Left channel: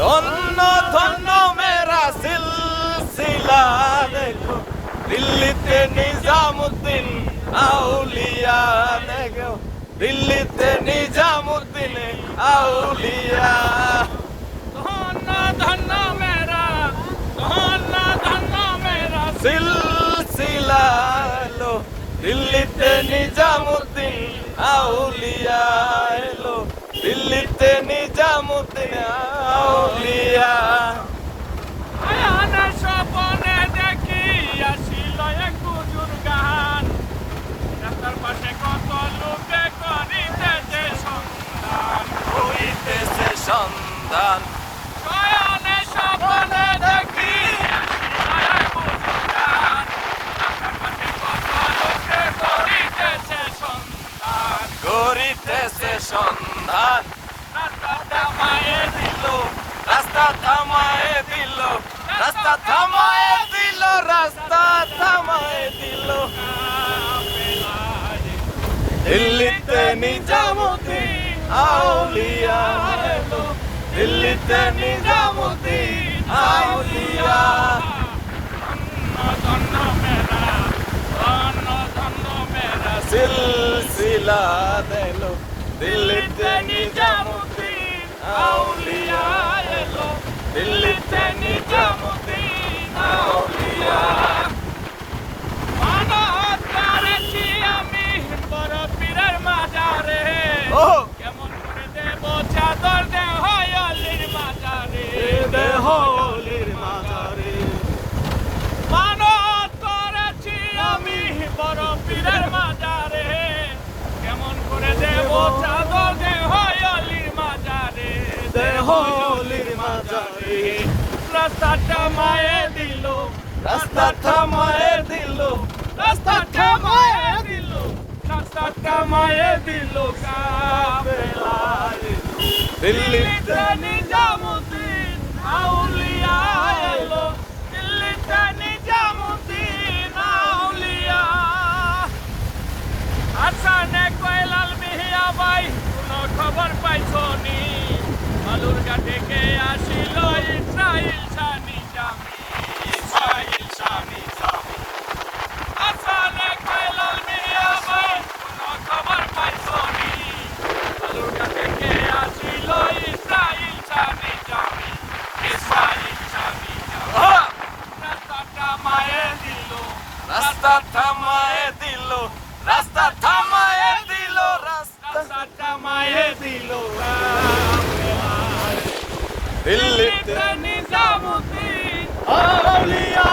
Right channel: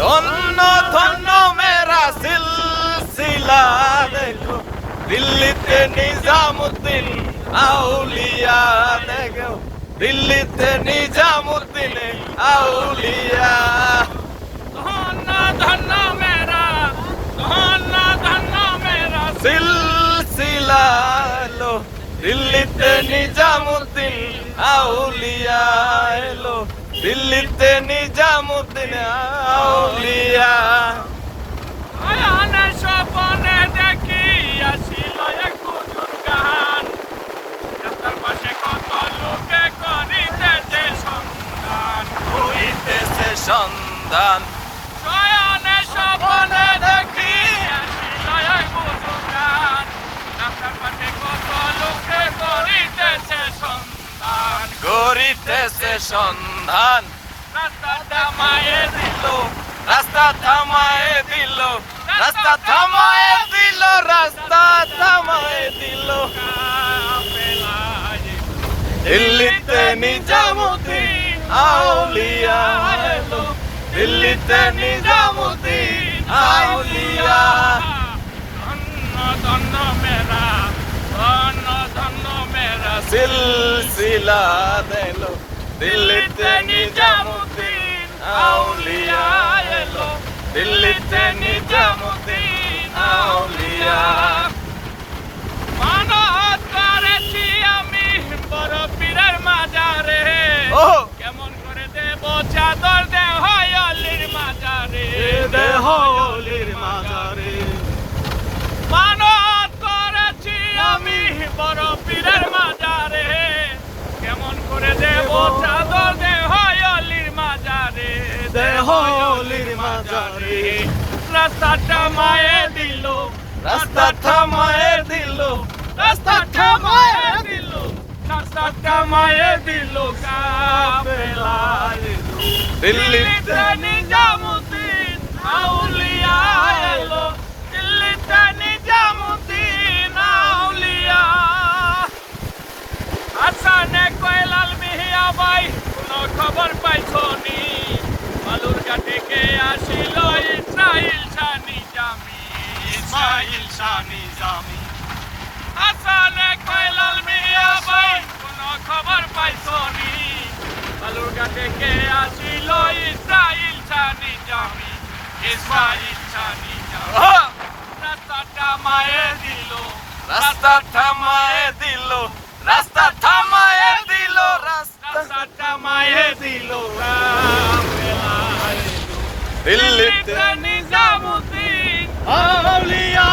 ধন্য ধন্য মেরা সিলসিলা দেখো, দিল্লিতে নিজামুদ্দিন আউলিয়া দেখো, দিল্লিতে নিজামুদ্দিন আউলিয়া। ধন্য ধন্য মেরা, ধন্য ধন্য মেরা সিলসিলা এলো, দিল্লিতে নিজামুদ্দিন আউলিয়া এলো, দিল্লিতে নিজামুদ্দিন আউলিয়া। আয়ানা স্বপনে দেখি আসিল এক বুজুর্গান, রাস্তার পাশে কত লোকে করিতেছে সন্ধান, হইতেছে সন্ধান। শয়নে স্বপনে দেখি আসিল এক বুজুর্গান, রাস্তার পাশে কত লোকে করিতেছে সন্ধান, করিতেছে সন্ধান। রাস্তা থামায়ে দিল, রাস্তা থামায়ে দিল, রাস্তা থামায়ে দিল, রাস্তা থামায়ে দিল। দিল্লিতে নিজামুদ্দিন আউলিয়া এলো, দিল্লিতে নিজামুদ্দিন আউলিয়া। ধন্য ধন্য মেরা, ধন্য ধন্য মেরা সিলসিলা দিল, দিল্লিতে নিজামুদ্দিন আউলিয়া এলো, দিল্লিতে নিজামুদ্দিন আউলিয়া। মানত করেছি আমি বড় পীরের মাজারে, ও কেমন করে দেব চাদর দেহ অলির মাজারে, দেহ অলির মাজারে। মানত করেছি আমি বড় পীরের মাজারে, কেমন করে দেব চাদর দেহ অলির মাজারে, দেহ অলির মাজারে। রাস্তাটা মায়ে দিল, রাস্তা থামায়ে দিল, রাস্তা থামায়ে দিল, রাস্তা থামায়ে দিল কাফেলায়। দিল্লিতে নিজামুদ্দিন আউলিয়া এলো, দিল্লিতে নিজামুদ্দিন আউলিয়া। হাসানে কয়লাল মিয়া ভাই কোনো খবর পাইছো নি, বালুরঘাট থেকে আসিল ইসরাইল শাহ নিজামী, ইসরাইল শাহ নিজামী। হাসানে কয়লাল মিয়া ভাই কোনো খবর পাইছো নি, বালুরঘাট থেকে আসিল ইসরাইল শাহ নিজামী, ইসরাইল শাহ নিজামী। আহ! রাস্তাটা মায়ে দিল, রাস্তা থামায়ে দিল, রাস্তা থামায়ে দিল, রাস্তা রাস্তাটা মায়ে দিল কাফেলায়। দিল্লিতে নিজামুদ্দিন আউলিয়া